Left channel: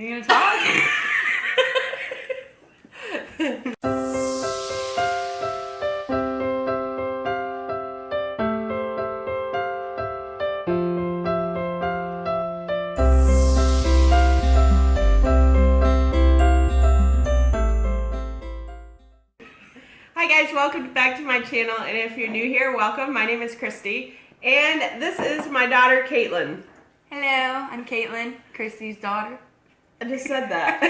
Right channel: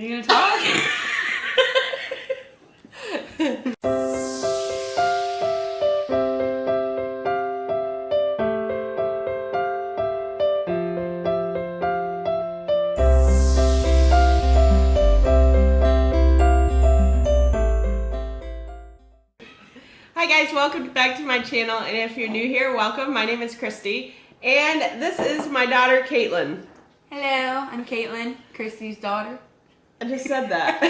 Are you gonna talk? Hi guys, welcome back to my channel, and if you're new here, welcome. My name is Christy, and this is my daughter, Kaitlyn. Hello, I'm Kaitlyn, Christy's daughter. I just said that.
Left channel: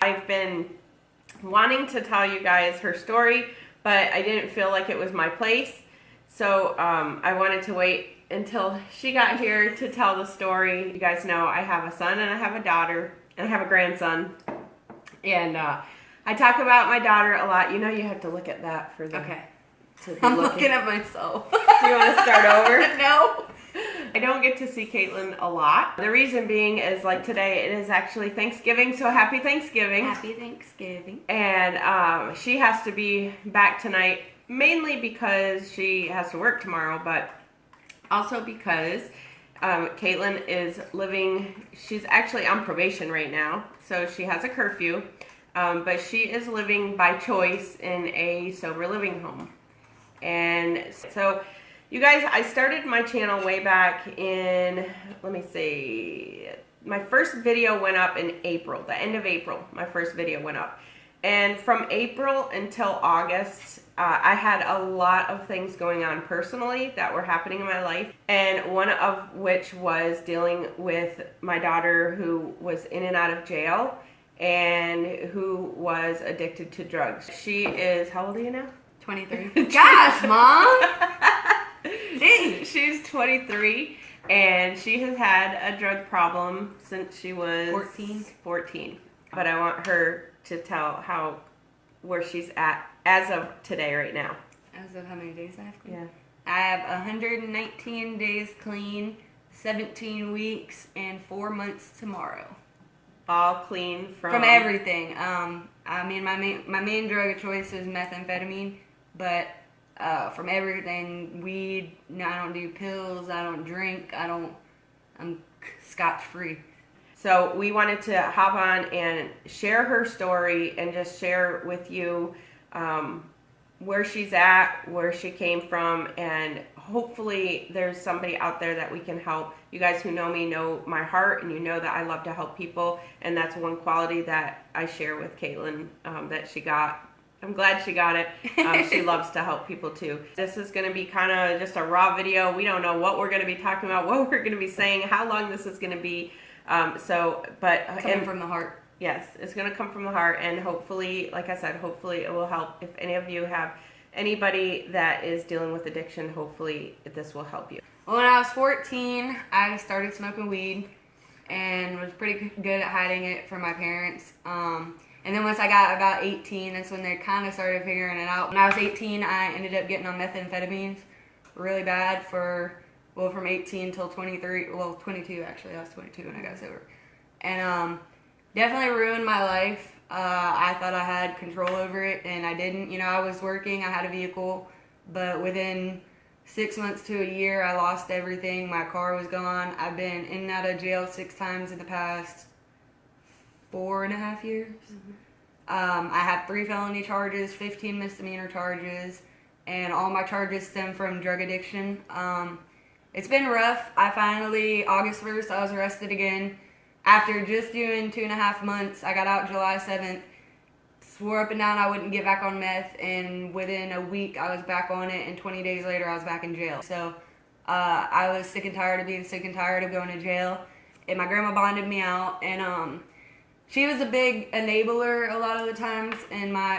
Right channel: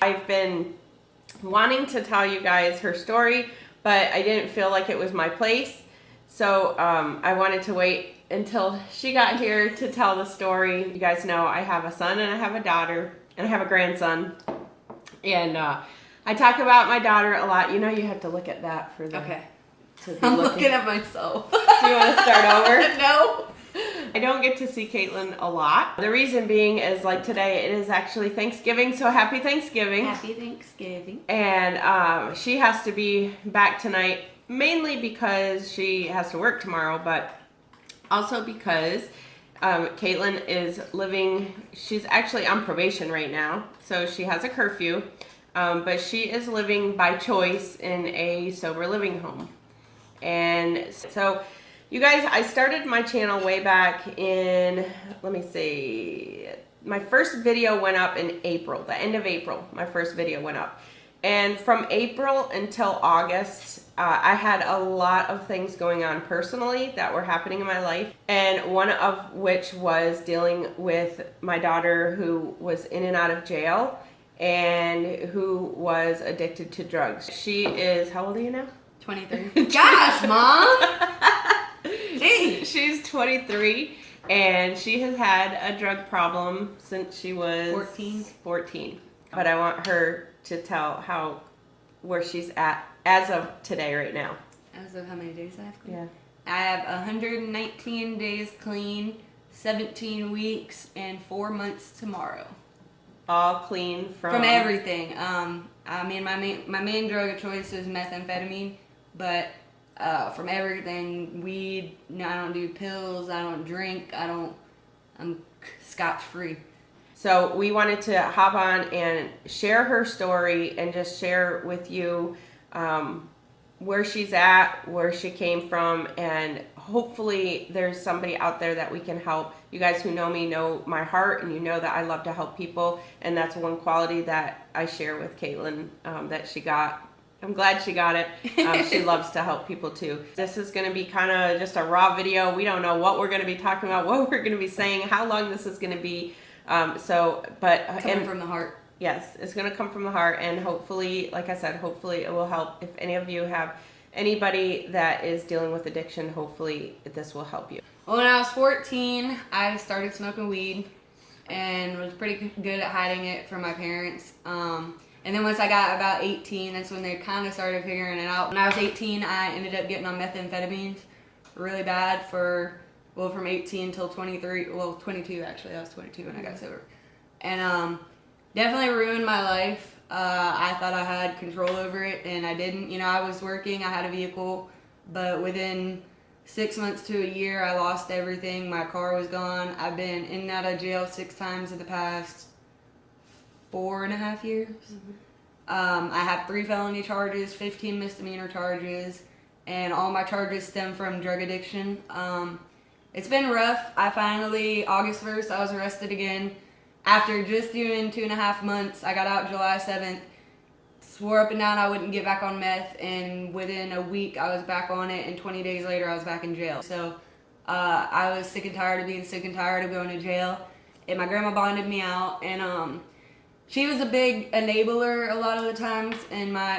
I've been wanting to tell you guys her story, but I didn't feel like it was my place, so I wanted to wait until she got here to tell the story. You guys know I have a son and I have a daughter, and I have a grandson, and I talk about my daughter a lot. You know you have to look at that for the... Okay. I'm looking at myself. Do you want to start over? No. I don't get to see Kaitlyn a lot. The reason being is, like, today it is actually Thanksgiving, so happy Thanksgiving. Happy Thanksgiving. And she has to be back tonight, mainly because she has to work tomorrow, but also because Kaitlyn is living, she's actually on probation right now, so she has a curfew, but she is living by choice in a sober living home. And so, you guys, I started my channel way back in, let me see, my first video went up in April, the end of April, my first video went up. And from April until August, I had a lot of things going on personally that were happening in my life. And one of which was dealing with my daughter who was in and out of jail and who was addicted to drugs. She is, how old are you now? 23. Gosh, Mom! She's 23, and she has had a drug problem since she was 14. But I want her to tell where she's at as of today right now. As of how many days I have clean? Yeah. I have 119 days clean, 17 weeks, and 4 months tomorrow. All clean from everything. I mean, my main drug of choice is methamphetamine, but from everything, weed, no, I don't do pills, I don't drink, I'm scotch-free. So we wanted to hop on and share her story and just share with you where she's at, where she came from, and hopefully there's somebody out there that we can help. You guys who know me know my heart, and you know that I love to help people, and that's one quality that I share with Kaitlyn that she got. I'm glad she got it. She loves to help people too. This is going to be kind of just a raw video. We don't know what we're going to be talking about, what we're going to be saying, how long this is going to be. Coming from the heart. Yes, it's going to come from the heart, and hopefully, like I said, hopefully it will help. If any of you have anybody that is dealing with addiction, hopefully this will help you. Well, when I was 14, I started smoking weed and was pretty good at hiding it from my parents. And then once I got about 18, that's when they kind of started figuring it out. When I was 18, I ended up getting on methamphetamines really bad from 18 till 23, 22 actually. I was 22 when I got sober. And definitely ruined my life. I thought I had control over it, and I didn't. You know, I was working, I had a vehicle, but within 6 months to a year, I lost everything. My car was gone. I've been in and out of jail 6 times in the past 4.5 years. Mm-hmm. I have 3 felony charges, 15 misdemeanor charges, and all my charges stem from drug addiction. It's been rough. August 1st, I was arrested again. After just doing 2.5 months, I got out July 7th, swore up and down I wouldn't get back on meth, and within a week I was back on it, and 20 days later I was back in jail. So I was sick and tired of being sick and tired of going to jail, and my grandma bonded me out, and she was a big enabler a lot of the times,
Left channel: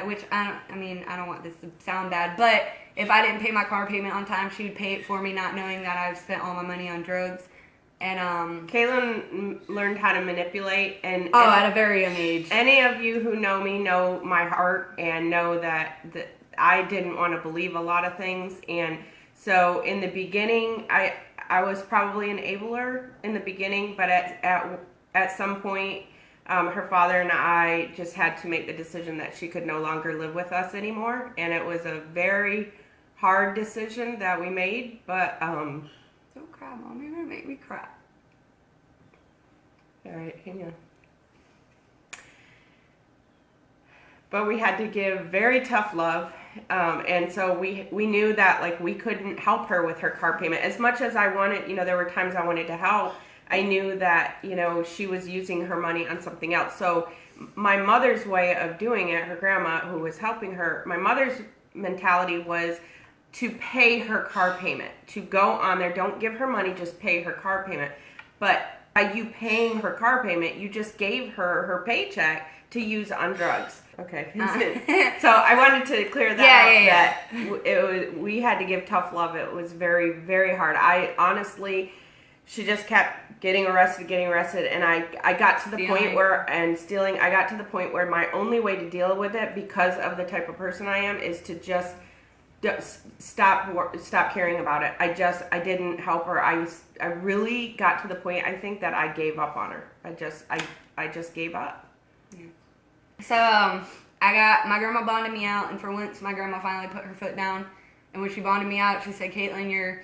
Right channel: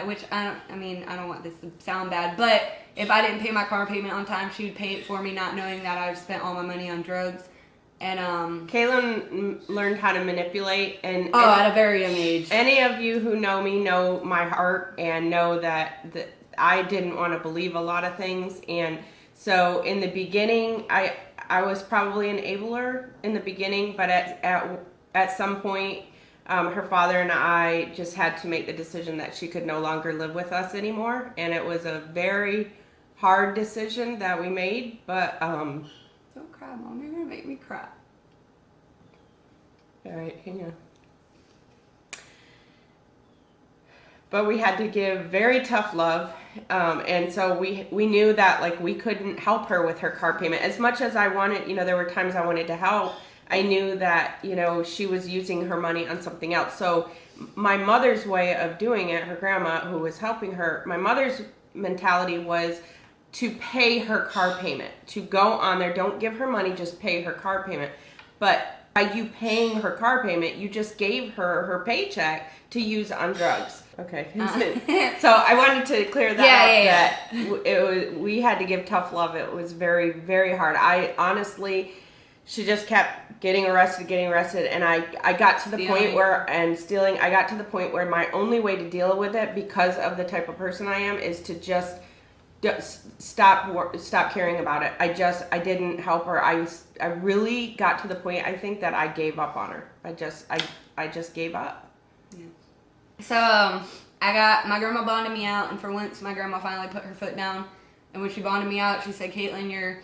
which I don't want this to sound bad, but if I didn't pay my car payment on time, she would pay it for me, not knowing that I spent all my money on drugs. And Kaitlyn learned how to manipulate, and at a very young age. Any of you who know me know my heart and know that I didn't want to believe a lot of things, and so in the beginning, I was probably an enabler in the beginning, but at some point, her father and I just had to make the decision that she could no longer live with us anymore, and it was a very hard decision that we made, but Don't cry, Mom. You're gonna make me cry. All right, hang on. But we had to give very tough love. And so we knew that like we couldn't help her with her car payment. As much as I wanted, there were times I wanted to help, I knew that, she was using her money on something else. So my mother's way of doing it, her grandma who was helping her, my mother's mentality was to pay her car payment, to go on there, don't give her money, just pay her car payment. But by you paying her car payment, you just gave her paycheck to use on drugs. Okay. So I wanted to clear that up. That we had to give tough love. It was very, very hard. I honestly, she just kept getting arrested, and I got to the point where, and stealing, I got to the point where my only way to deal with it, because of the type of person I am, is to just stop caring about it. I didn't help her. I really got to the point, I think, that I gave up on her. I just gave up. Yeah. So my grandma bonded me out, and for once my grandma finally put her foot down. And when she bonded me out, she said, "Kaitlyn, you're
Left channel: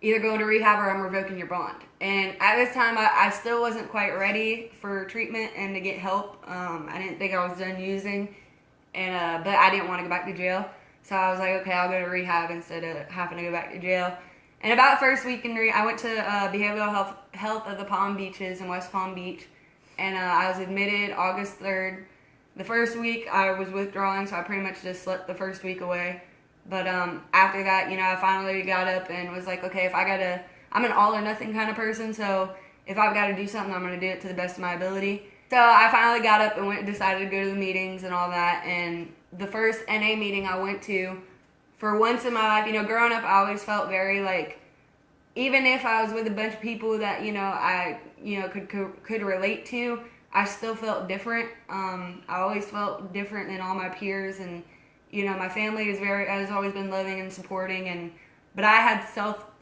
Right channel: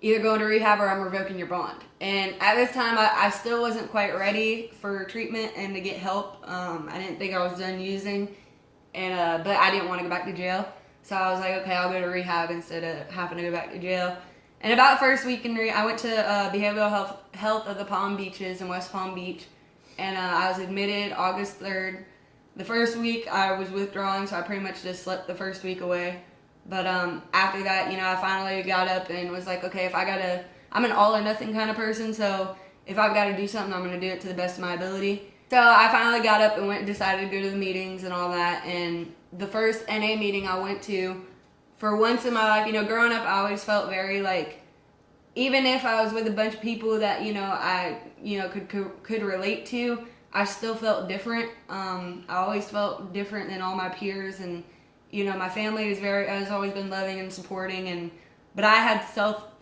either going to rehab or I'm revoking your bond." And at this time, I still wasn't quite ready for treatment and to get help. I didn't think I was done using, and but I didn't want to go back to jail. So I was like, okay, I'll go to rehab instead of having to go back to jail. And about the first week in I went to behavioral health of the Palm Beaches in West Palm Beach, and I was admitted August 3rd. The first week I was withdrawing, so I pretty much just slept the first week away. But after that, I finally got up and was like, okay, I'm an all or nothing kind of person, so if I've got to do something, I'm going to do it to the best of my ability. So I finally got up and decided to go to the meetings and all that. And the first NA meeting I went to, for once in my life, growing up, I always felt very like, even if I was with a bunch of people that, I, could relate to, I still felt different. I always felt different than all my peers, and my family has always been loving and supporting, but I had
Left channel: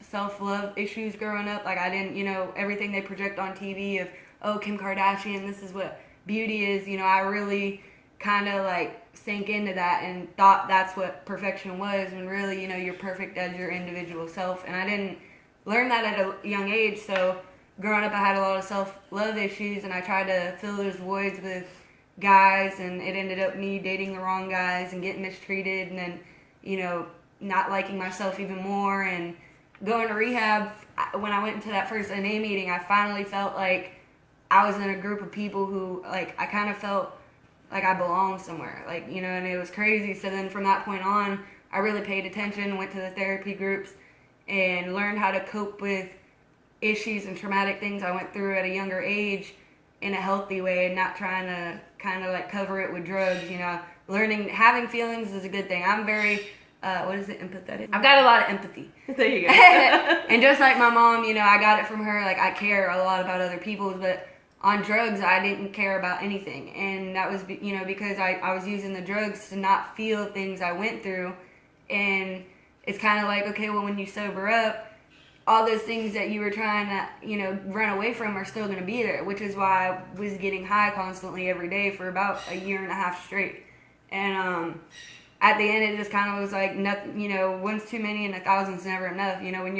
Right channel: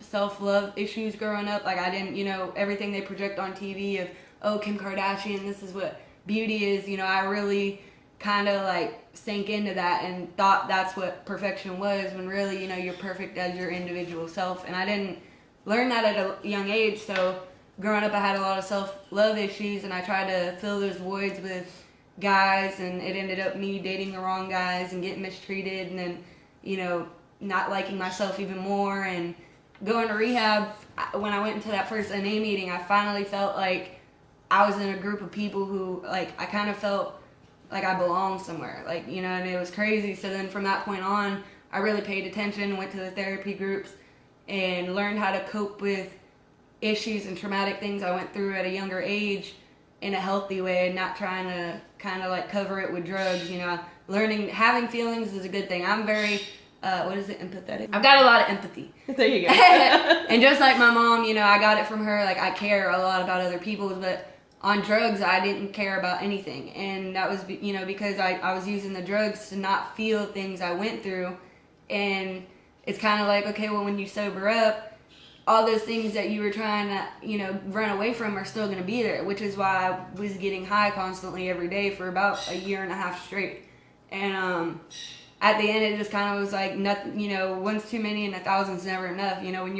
self-love issues growing up. Like I didn't, everything they project on TV of, oh, Kim Kardashian, this is what beauty is. I really kind of like sank into that and thought that's what perfection was, when really, you're perfect as your individual self. And I didn't learn that at a young age, so growing up I had a lot of self-love issues, and I tried to fill those voids with guys, and it ended up me dating the wrong guys and getting mistreated, and then, not liking myself even more. And going to rehab, when I went into that first NA meeting, I finally felt like I was in a group of people who, like, I kind of felt like I belonged somewhere, like, and it was crazy. So then from that point on, I really paid attention, went to the therapy groups, and learned how to cope with issues and traumatic things I went through at a younger age in a healthy way, and not trying to kind of like cover it with drugs. Learning, having feelings is a good thing. I'm very, empathetic? I've got a lot of empathy. There you go. And just like my mom, I got it from her. Like, I care a lot about other people, but on drugs, I didn't care about anything. And that was, because I was using the drugs to not feel things I went through. And it's kind of like, okay, well, when you sober up, all those things that you were trying to, run away from are still going to be there, which is why I was getting high constantly every day for about a year and a half straight. And at the end, it just kind of was like, nothing, one's too many and a thousand's never enough. When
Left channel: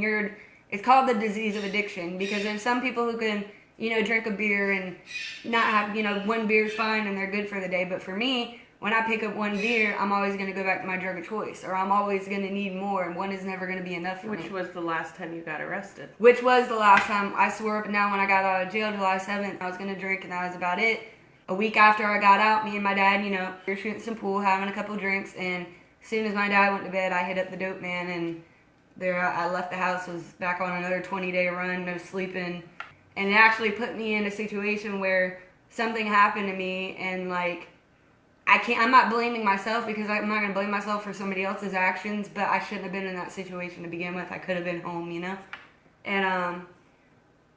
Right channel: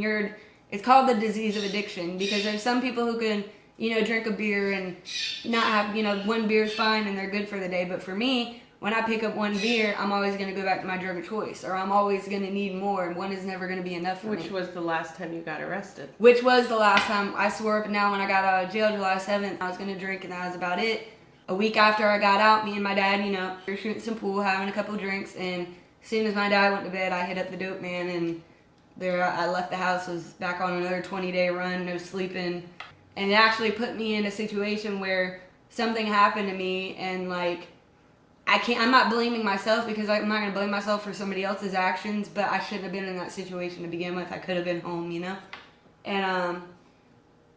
you're, it's called the disease of addiction, because there's some people who can, drink a beer and not have, one beer's fine and they're good for the day. But for me, when I pick up one beer, I'm always going to go back to my drug of choice, or I'm always going to need more, and one is never going to be enough for me. Which was the last time you got arrested. Which was the last time. I swore up and down when I got out of jail July 7th, I was going to drink, and that was about it. A week after I got out, me and my dad, we were shooting some pool, having a couple drinks, and as soon as my dad went to bed, I hit up the dope man, and there I left the house, was back on another 20-day run, no sleeping, and it actually put me in a situation where something happened to me, and like, I'm not blaming myself, because I'm not going to blame myself for somebody else's actions, but I shouldn't have been in that situation to begin with. I could have been home, and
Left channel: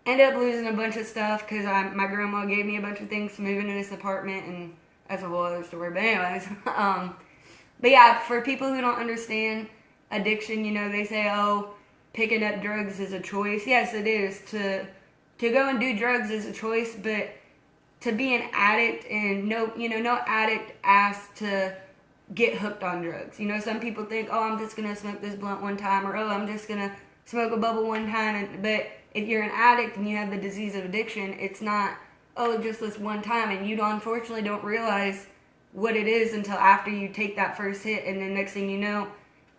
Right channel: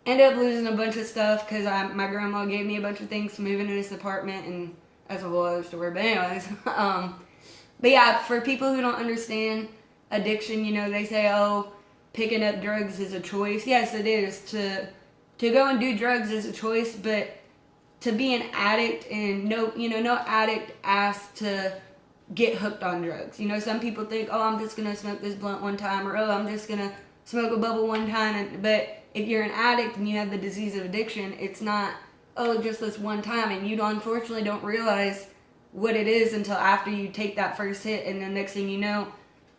ended up losing a bunch of stuff, because my grandma gave me a bunch of things to move into this apartment, and that's a whole other story, but anyways, but yeah, for people who don't understand addiction, they say, oh, picking up drugs is a choice. Yes, it is. To go and do drugs is a choice, but to be an addict, and no addict asks to get hooked on drugs. Some people think, oh, I'm just gonna smoke this blunt one time, or oh, I'm just gonna smoke a bubble one time, but if you're an addict and you have the disease of addiction, it's not, oh, just this one time. And you unfortunately don't realize what it is until after you take that first hit. And the next thing you know,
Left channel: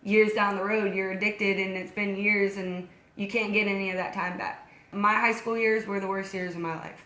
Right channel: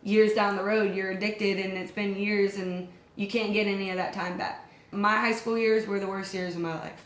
years down the road, you're addicted and it's been years and you can't get any of that time back. My high school years were the worst years of my life.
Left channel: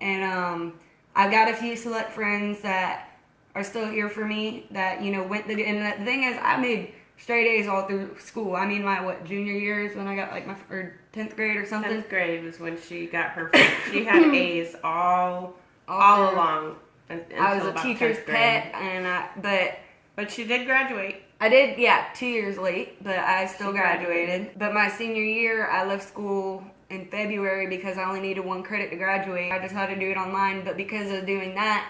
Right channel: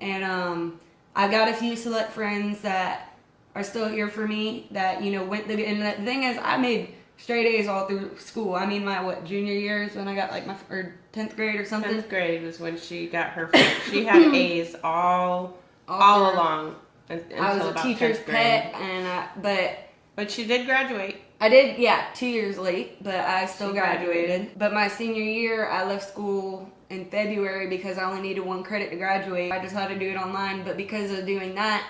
And I've got a few select friends that are still here for me that, you know, and the thing is, I made straight A's all through school. I mean, my, junior years when I got like or 10th grade or something. 10th grade was when she got her first. She had A's all along until I was about a teacher's 10th grade. pet, and But she did graduate. I did, 2 years late, but I still graduated. But my senior year, I left school in February because I only needed 1 credit to graduate. I decided to do it online, but because of doing that,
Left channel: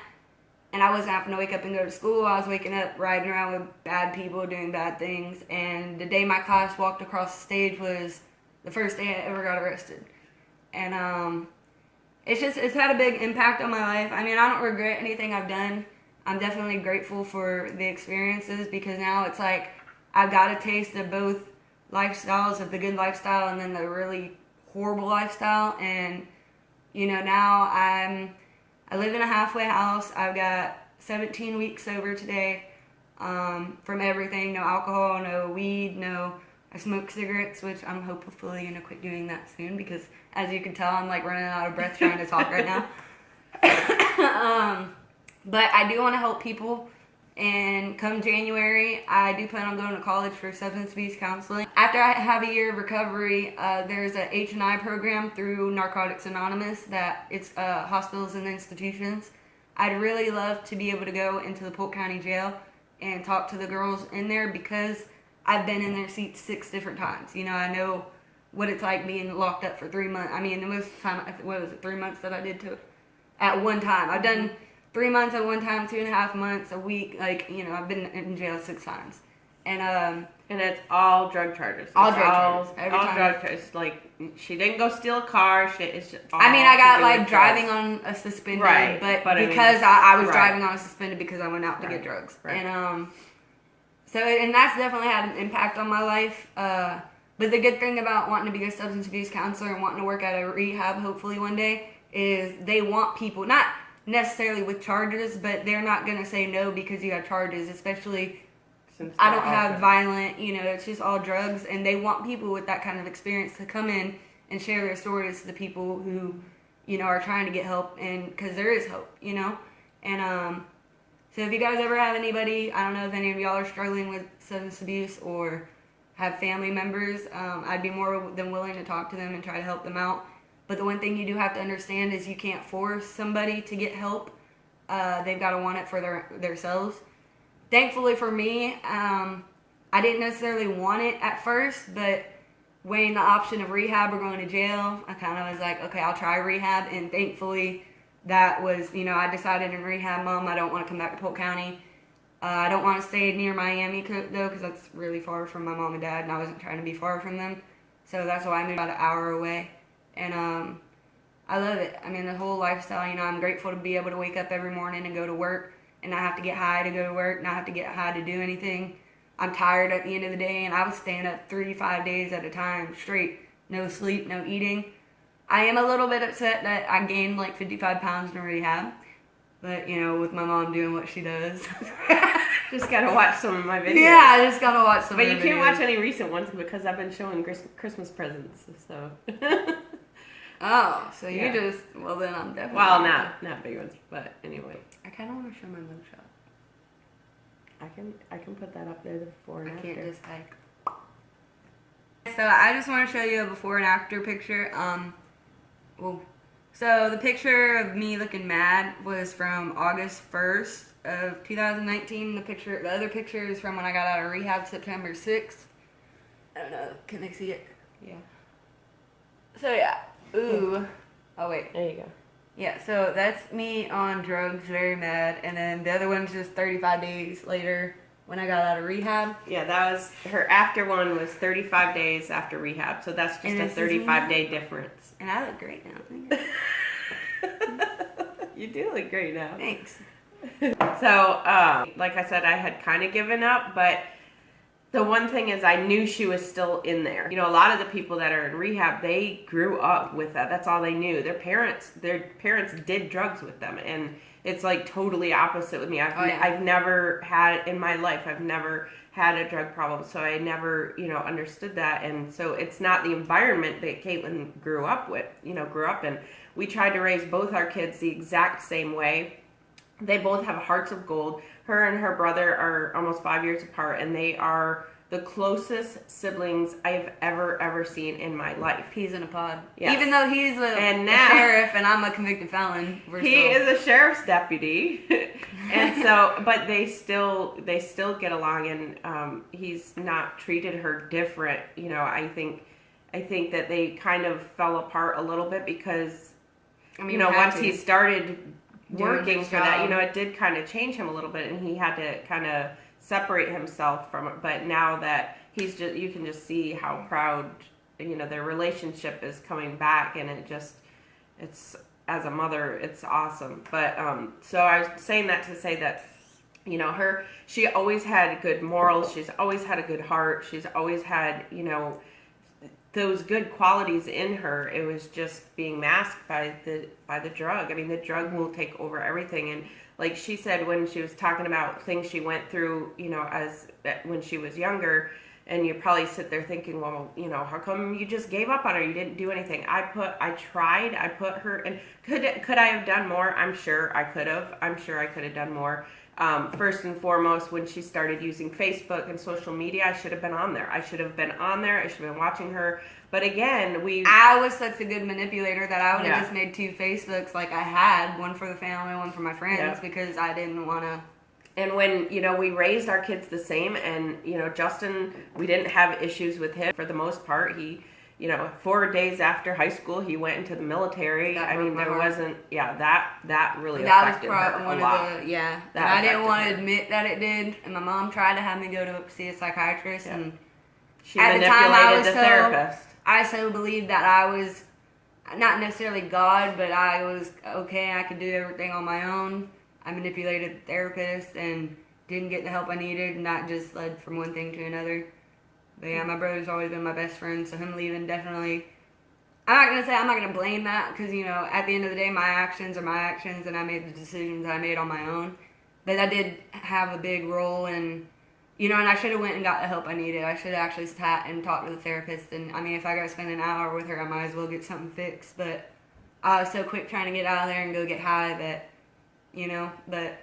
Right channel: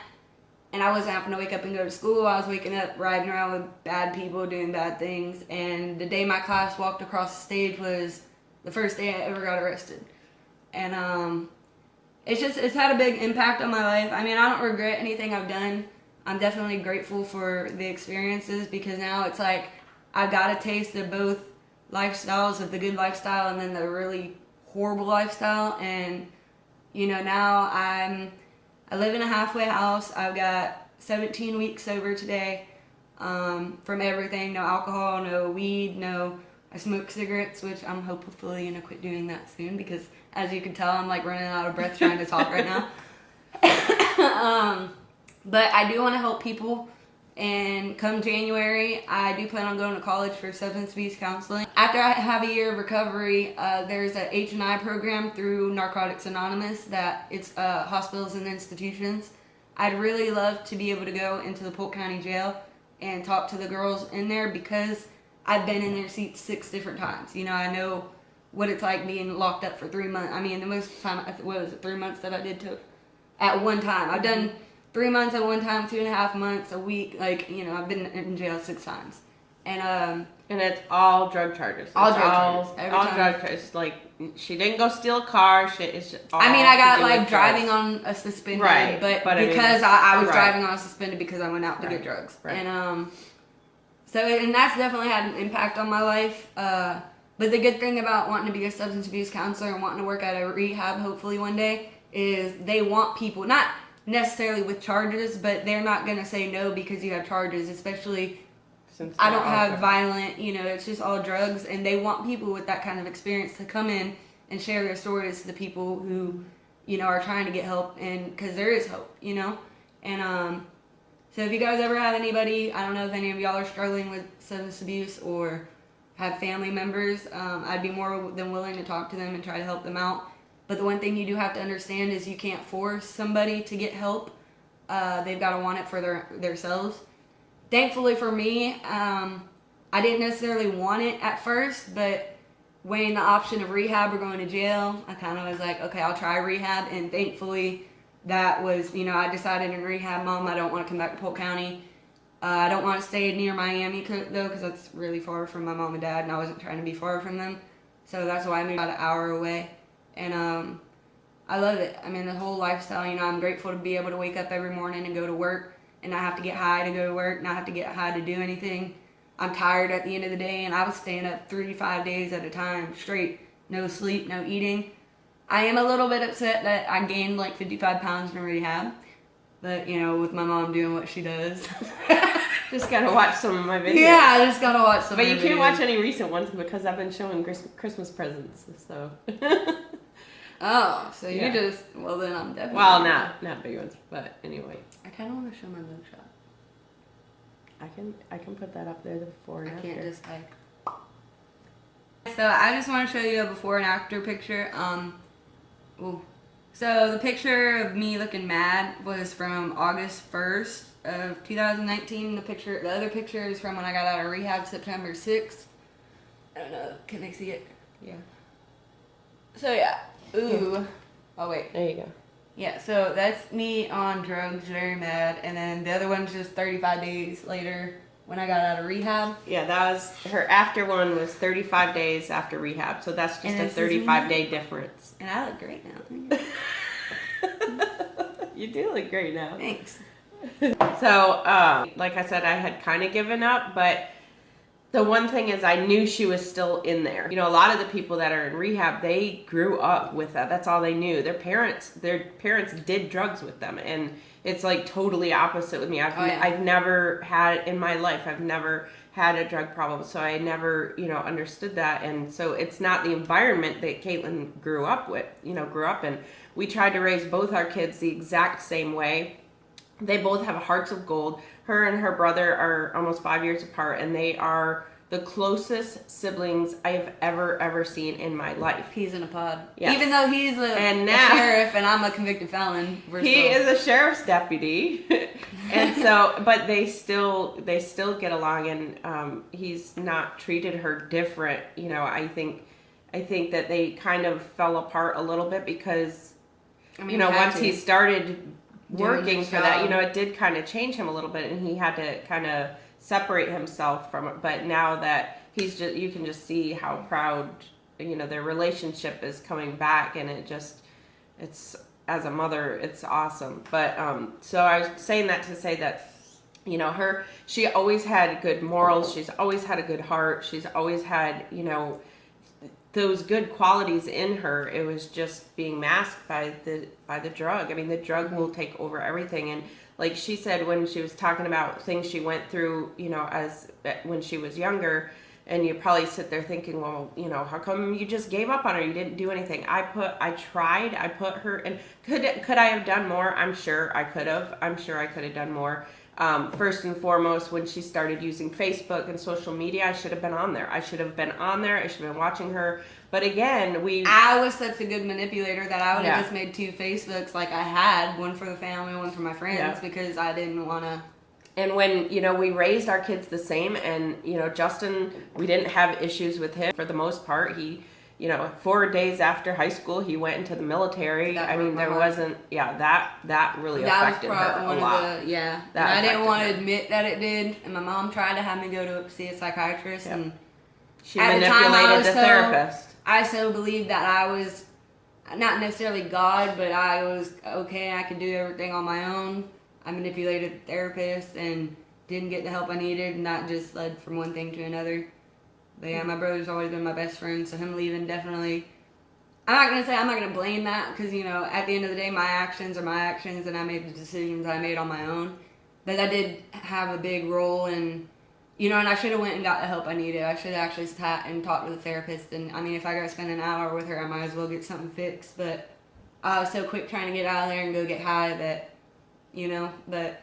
and I wasn't having to wake up and go to school, I was waking up riding around with bad people doing bad things. And the day my class walked across the stage was the first day I ever got arrested. And it's had a big impact on my life. I mean, I don't regret anything I've done. I'm definitely grateful for the experiences because now it's like I've got a taste of both lifestyles, of the good lifestyle and then the really horrible lifestyle. And, you know, now I live in a halfway house. I've got 17 weeks sober today from everything. No alcohol, no weed, I smoke cigarettes, which I'm hopefully going to quit doing that soon because, as you can tell, I'm like running out of breath trying to talk right now. But I do want to help people, and come January, I do plan on going to college for substance abuse counseling. After I have a year of recovery, there's a H&I program through Narcotics Anonymous that it's hospitals and institutions. I'd really love to be able to go into the Polk County Jail and talk to the girls in there because I've been in their seats 6 different times. You know, I know what it's like being locked up for 3 months. I mean, the most time, what was it, 3 months that I did to it at one time. I've done 3 months at one time, 2.5 months, a week. Like, you know, I've been in jail 6 times. And it's all drug charges. All drug charges. All drug charges. Like, she didn't go steal a car. It's just all I mean, I got to do like with driving drugs. on a suspended, Right, but I mean, because I was right. driving on a suspended because I went out to get drugs. Right. And and that's definitely had an impact on my life. But the good thing about wanting to be a substance abuse counselor and wanting to work at a rehab hopefully one day is they want people, not necessarily with charges, but they're not going to say no because you have charges, especially since I don't have violent, you know, it's just all drugs, and they want people with that kind of experience to come in and share their stories to the people who, you know, are trying to get help, and because there is hope, you know. And so if you guys ever have anybody, I don't know if any of y'all are struggling with substance abuse or have family members, I'd be more than willing to talk to them and try to help them out. But the one thing you do have to understand is you can't force somebody to get help. They've got to want it for themselves. Thankfully for me, I didn't necessarily want it at first, but weighing the option of rehab or going to jail, I kind of was like, okay, I'll try rehab. And thankfully that was, you know, I decided in rehab, Mom, I don't want to come back to Polk County. I don't want to stay near Miami though, because that's really far from my mom and dad, and I wasn't trying to be far from them. So that's why I moved about an hour away. And I love it. I mean, the whole lifestyle, you know, I'm grateful to be able to wake up every morning and go to work and not have to get high to go to work, not have to get high to do anything. I'm tired at the end of the day, and I was staying up 3 to 5 days at a time straight. No sleep, no eating. I am a little bit upset that I gained like 55 pounds in rehab. But, you know, with my mom doing what she does. Just gotta watch some of my videos. Yeah, I just gotta watch some But of you the can't videos. watch any recent ones because I've been showing Christmas presents, so. Oh, so Yeah. you just, well then I'm definitely. Well, not big ones, but anyway. I kind of want to show my mugshot. I can put that up there, the before and I after. can't just like. So I just want to show you a before and after picture. So the picture of me looking mad was from August 1st of 2019. The other picture is from when I got out of rehab, September 6th. I don't know, can they see it? Yeah. So yeah, ooh. Oh wait. There you go. Yeah, so that's me on drugs, very mad. And then the other one's just 35 days later when I got out of rehab. Yeah, that was her after one was 35 days after rehab. So that's just a 35-day difference. And I look great now. Thank you. You do look great now. Thanks. So, like I said, I had kind of given up, but The one thing is I knew she was still in there. You know, a lot of the people that are in rehab, they grew up with that. That's all they knew. Their parents did drugs with them. And it's like totally opposite with me. I've never had in my life, I've never had a drug problem. So I never, understood that. And so it's not the environment that Kaitlyn grew up in. We tried to raise both our kids the exact same way. They both have hearts of gold. Her and her brother are almost 5 years apart, and they are the closest siblings I have ever seen in my life. He's in a pod. Yes. Even though he's a sheriff and I'm a convicted felon. He is a sheriff's deputy. And so, but they still get along, and he's not treated her different. I think that they kind of fell apart a little bit because, once he started working for that, it did kind of change him a little bit, and he had to kind of separate himself from it. But now that you can just see how proud, their relationship is coming back, and it's as a mother, it's awesome. But so I was saying that to say that, she always had good morals. She's always had a good heart. She's always had, those good qualities in her. It was just being masked by the drug. I mean, the drug will take over everything. And like she said, when she was talking about things she went through, when she was younger, and you probably sit there thinking, well, how come you just gave up on her? You didn't do anything. I put her in. Could I have done more? I'm sure I could have. I'm sure I could have done more. First and foremost, when she started using Facebook and social media, I should have been on there. I should have been watching her. But again, I was such a good manipulator that I would have just made 2 Facebooks like I had, one for the family, one for my friends, because I didn't want to. And when, we raised our kids the same, and, Justin, we didn't have issues with him for the most part. He, 4 days after high school, he went into the military. There wasn't, that really affected her a lot. And I didn't want to admit that it did. And my mom tried to have me go to see a psychiatrist. Yep. And she manipulated the therapist. I so believed that I was not necessarily God, but I was okay and I could do everything on my own. I manipulated the therapist and didn't get the help I needed, and that just led from one thing to another. But yeah, my brother's always been my best friend, so him leaving definitely. I'm not going to blame that because, at the end of the day, my actions are my actions, and I made the decisions I made on my own. But I did have a big role in, and I should have went and got the help I needed. I should have actually sat and talked to the therapist. And, if I got to spend an hour with her, I might as well get something fixed. But I was so quick trying to get out of there and go get high that, but...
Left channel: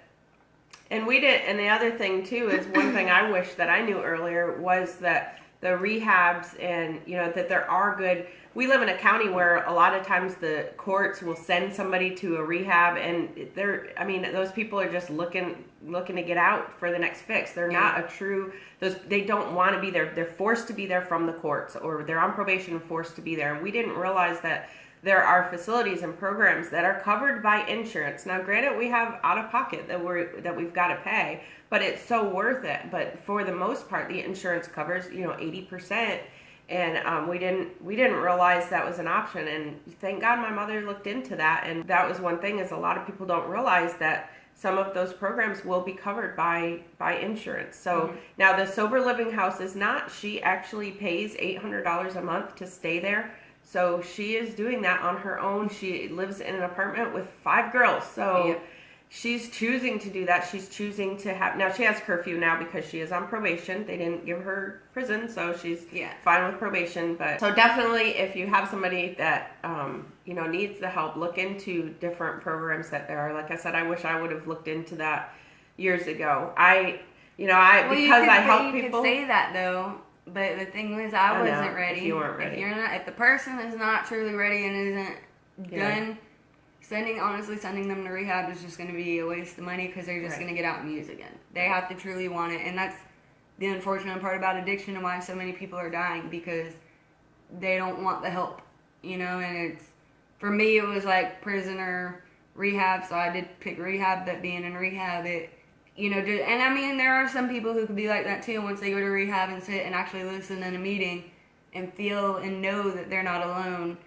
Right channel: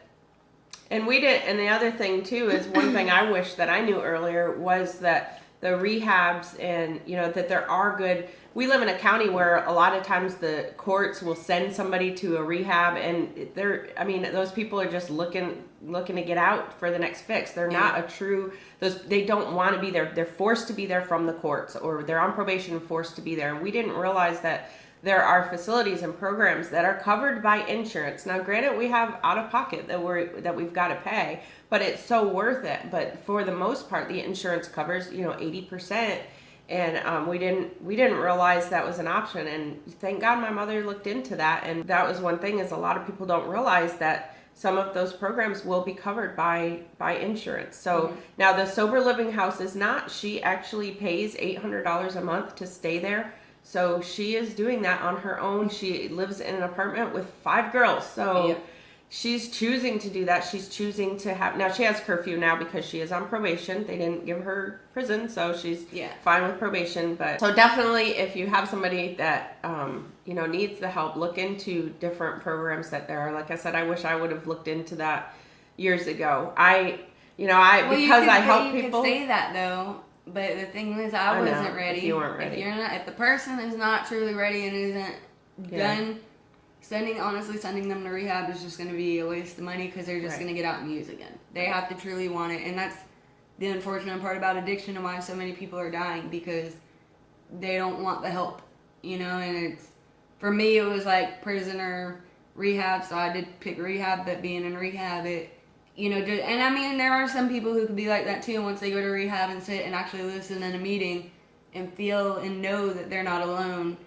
And we did, and the other thing, too, is one thing I wish that I knew earlier was that the rehabs and, that there are good... We live in a county where a lot of times the courts will send somebody to a rehab, and those people are just looking to get out for the next fix. They're not a true... They don't want to be there. They're forced to be there from the courts, or they're on probation and forced to be there. And we didn't realize that there are facilities and programs that are covered by insurance. Now, granted, we have out of pocket that we've got to pay, but it's so worth it. But for the most part, the insurance covers 80%, and we didn't realize that was an option. And thank God my mother looked into that. And that was one thing, is a lot of people don't realize that some of those programs will be covered by insurance. So now the sober living house is not. She actually pays $800 a month to stay there. So she is doing that on her own. She lives in an apartment with 5 girls. So she's choosing to do that. She's choosing to have... Now, she has curfew now because she is on probation. They didn't give her prison, so she's fine with probation. But so definitely, if you have somebody that, needs the help, look into different programs that there are. Like I said, I wish I would have looked into that years ago. I help people... You can say that, though. But the thing is, I wasn't ready. If you weren't ready. If the person is not truly ready and isn't done, sending them to rehab is just going to be a waste of money because they're just going to get out and use again. They have to truly want it. And that's the unfortunate part about addiction and why so many people are dying, because they don't want the help, and for me, it was like prisoner rehab, so I did pick rehab, but being in rehab, there are some people who could be like that too once they go to rehab and sit and actually listen in a meeting and feel and know that they're not alone.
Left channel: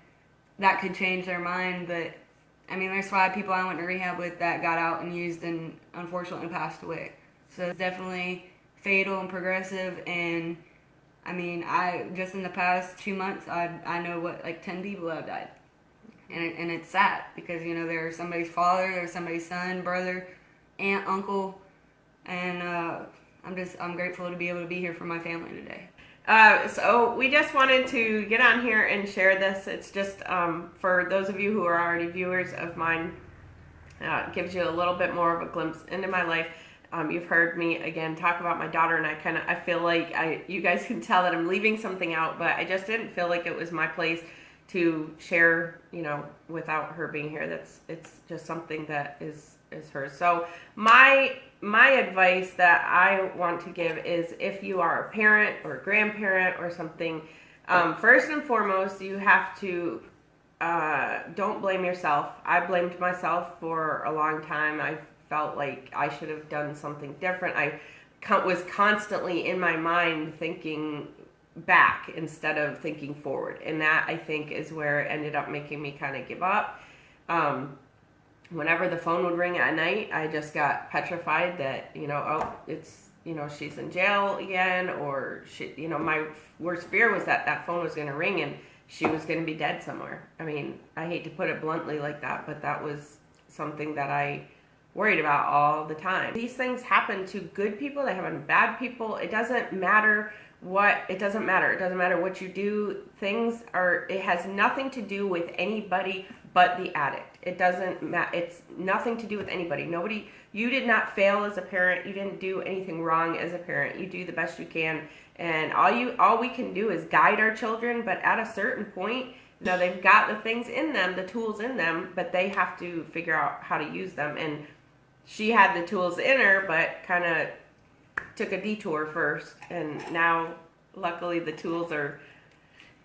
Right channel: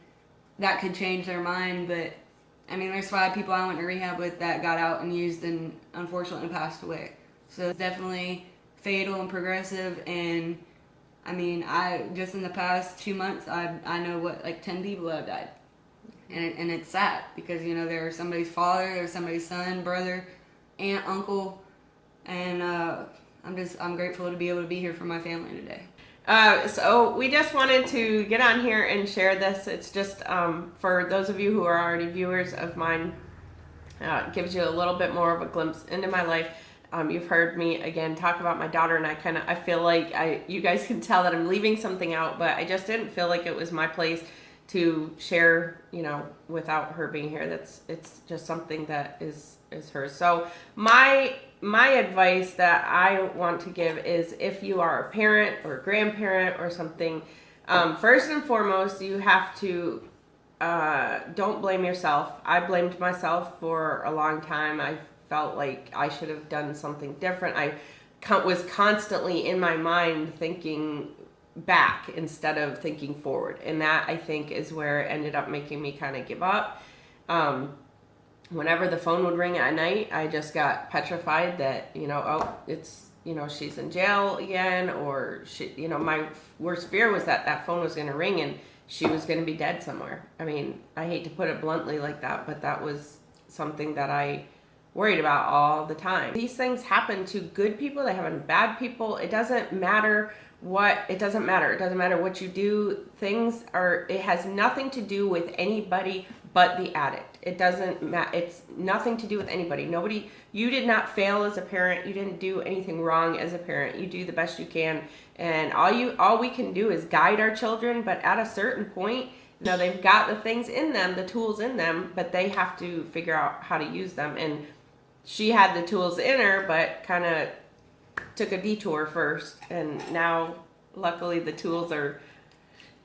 That could change their mind, but there's 5 people I went to rehab with that got out and used and unfortunately passed away. So definitely fatal and progressive. And I mean, I just in the past 2 months, I know what, like 10 people have died. And it's sad because, you know, there's somebody's father, there's somebody's son, brother, aunt, uncle, and I'm grateful to be able to be here for my family today. So we just wanted to get on here and share this. It's just for those of you who are already viewers of mine, it gives you a little bit more of a glimpse into my life. You've heard me again talk about my daughter, and I feel like you guys can tell that I'm leaving something out, but I just didn't feel like it was my place to share, you know, without her being here. It's just something that is hers. So my advice that I want to give is, if you are a parent or a grandparent or something, first and foremost, you have to don't blame yourself. I blamed myself for a long time. I felt like I should have done something different. I was constantly in my mind thinking back instead of thinking forward, and that, I think, is where it ended up making me kind of give up. Whenever the phone would ring at night, I just got petrified that, you know, oh, it's, you know, she's in jail again, or she, you know, my worst fear was that that phone was going to ring and she was going to be dead somewhere. I mean, I hate to put it bluntly like that, but that was something that I worried about all the time. These things happen to good people, they happen to bad people. It doesn't matter it doesn't matter what you do. It has nothing to do with anybody but the addict. It doesn't matter. It's nothing to do with anybody. You did not fail as a parent. You didn't do anything wrong as a parent. You do the best you can. And all we can do is guide our children, but at a certain point, you know, they've got the things in them, the tools in them, but they have to figure out how to use them. And she had the tools in her, but kind of took a detour first, and now luckily the tools are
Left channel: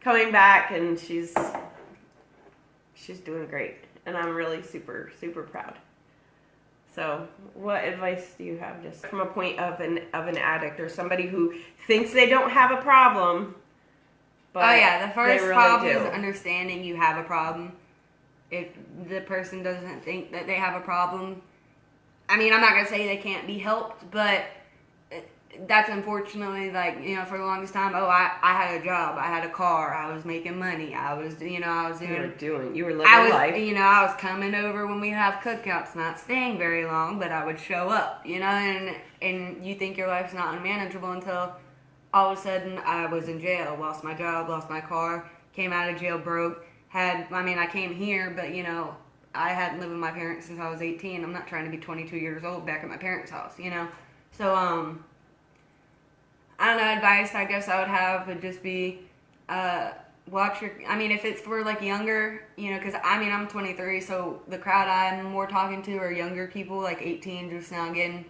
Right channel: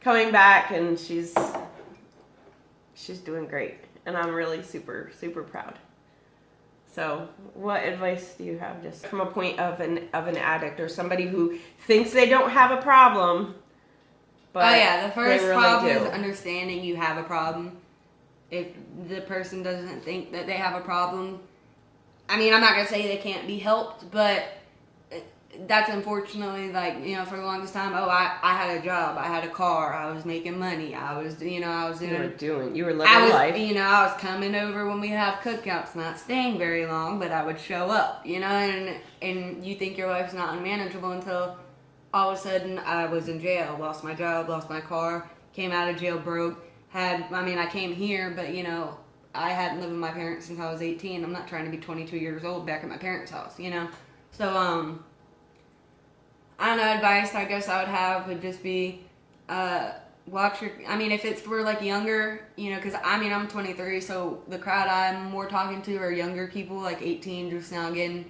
coming back, and she's doing great, and I'm really super proud. So what advice do you have, just from a point of an addict or somebody who thinks they don't have a problem, but the first really problem do. is understanding you have a problem. If the person doesn't think that they have a problem, I mean, I'm not gonna say they can't be helped, but that's unfortunately, like, you know, for the longest time, I had a job, I had a car, I was making money, you were living life. You know, I was coming over when we have cookouts, not staying very long, but I would show up, you know, and you think your life's not unmanageable until all of a sudden I was in jail, lost my job, lost my car, came out of jail broke, I came here, but, you know, I hadn't lived with my parents since I was 18. I'm not trying to be 22 years old back at my parents' house, you know? So, I don't know, advice I guess I would have would just be, if it's for, like, younger, you know, because, I'm 23, so the crowd I'm more talking to are younger people, like 18, just now getting,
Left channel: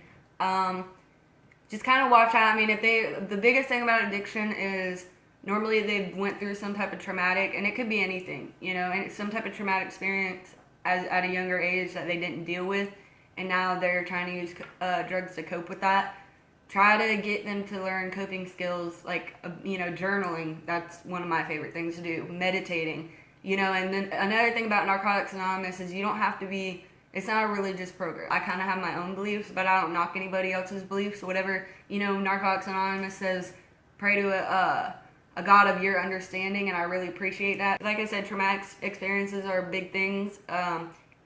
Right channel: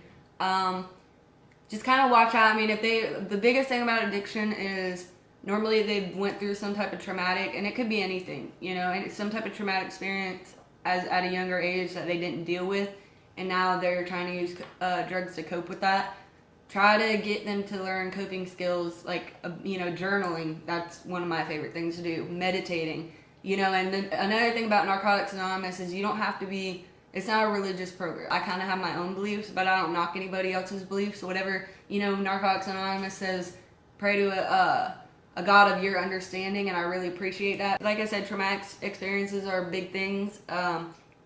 just kind of watch out. The biggest thing about addiction is normally they went through some type of traumatic, and it could be anything, you know, and some type of traumatic experience at a younger age that they didn't deal with, and now they're trying to use drugs to cope with that. Try to get them to learn coping skills, like, you know, journaling. That's one of my favorite things to do. Meditating, you know. And then another thing about Narcotics Anonymous is you don't have to be, it's not a religious program. I kind of have my own beliefs, but I don't knock anybody else's beliefs. Whatever, you know, Narcotics Anonymous says, pray to a God of your understanding, and I really appreciate that. Like I said, traumatic experiences are big things.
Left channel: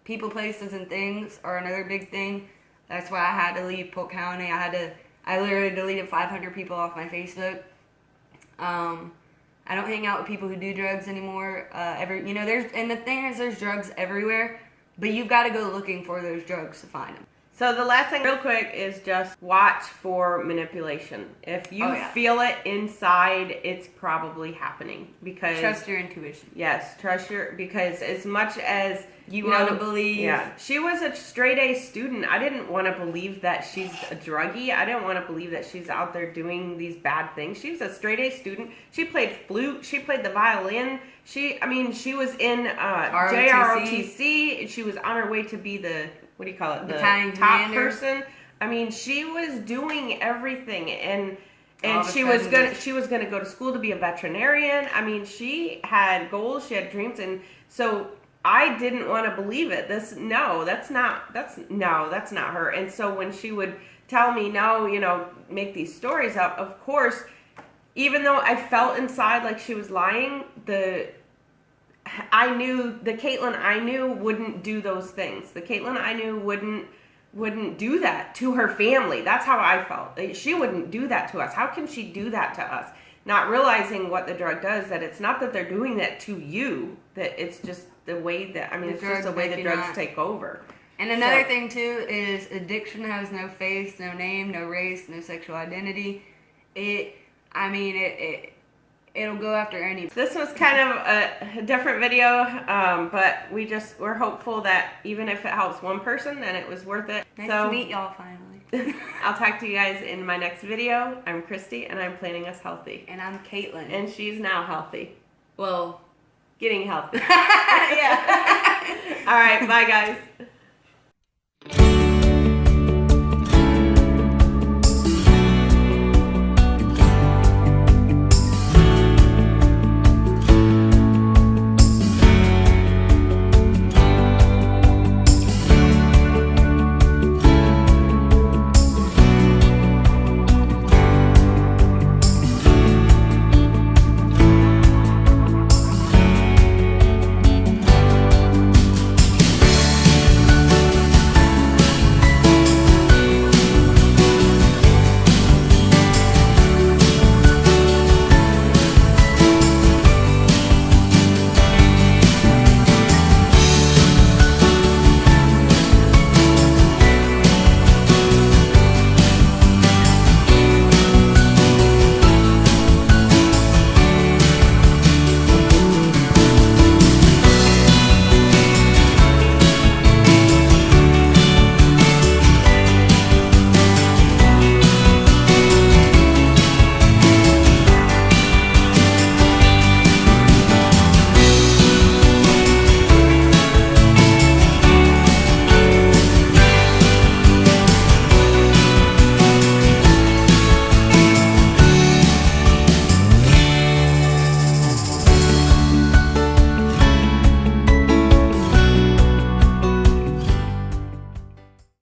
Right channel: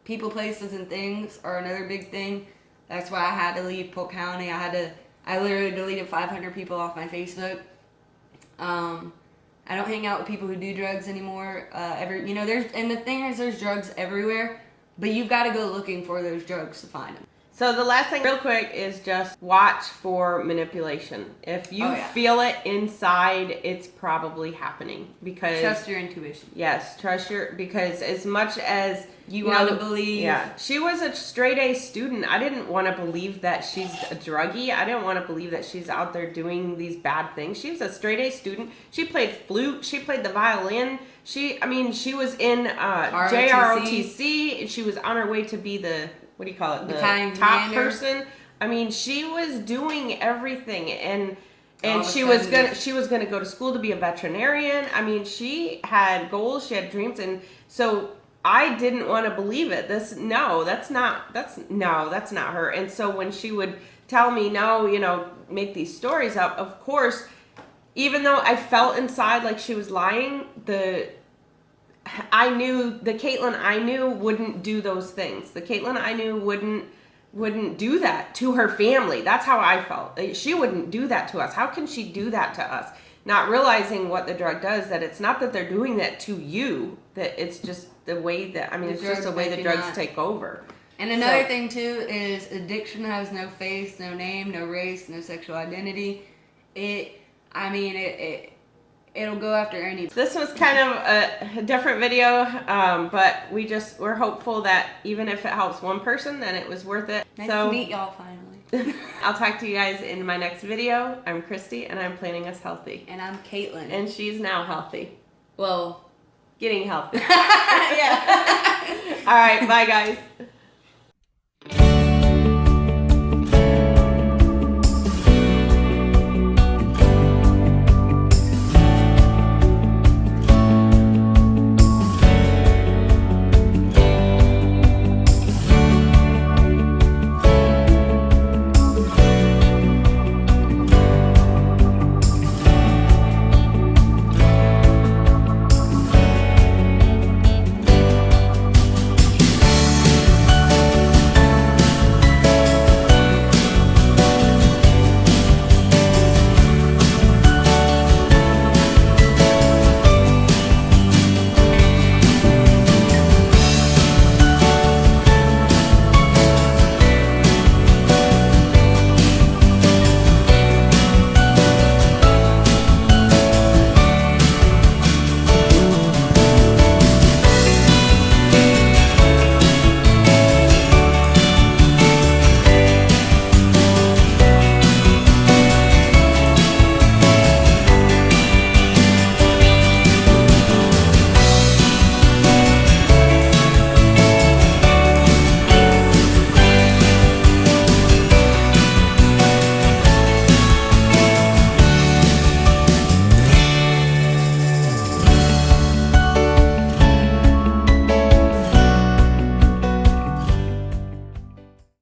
People, places, and things are another big thing. That's why I had to leave Polk County. I literally deleted 500 people off my Facebook. I don't hang out with people who do drugs anymore. The thing is, there's drugs everywhere, but you've got to go looking for those drugs to find them. So the last thing, real quick, is just watch for manipulation. If you feel it inside, it's probably happening. Because trust your intuition. Yes, because as much as you want to believe. Yeah, she was a straight A student. I didn't want to believe that she's a druggie. I didn't want to believe that she's out there doing these bad things. She was a straight A student. She played flute. She played the violin. She was in JROTC. She was on her way to be the top person. She was doing everything, and she was gonna go to school to be a veterinarian. She had goals, she had dreams, and so I didn't want to believe it. That's not her. And so when she would tell me, no, you know, make these stories up. Of course, even though I felt inside like she was lying, I knew the Kaitlyn I knew wouldn't do those things. The Kaitlyn I knew wouldn't do that to her family. That's how I felt. She wouldn't do that to us. How can she do that to us? Not realizing what the drug does, that it's not that they're doing that to you, that it's just the way that, I mean, it's just the way the drugs take over. And another thing too is addiction has no face, no name, no race, no sexual identity. It'll go after any. This was kind of a different video, but we're hopeful that even if it helps one person, then it was worth it. Nice to meet y'all finally. I'll talk to you guys in my next video. I'm Christy, and I'm planning us healthy. And I'm Kaitlyn. And she's now healthy. Well, getting healthy. yeah. All right, bye guys.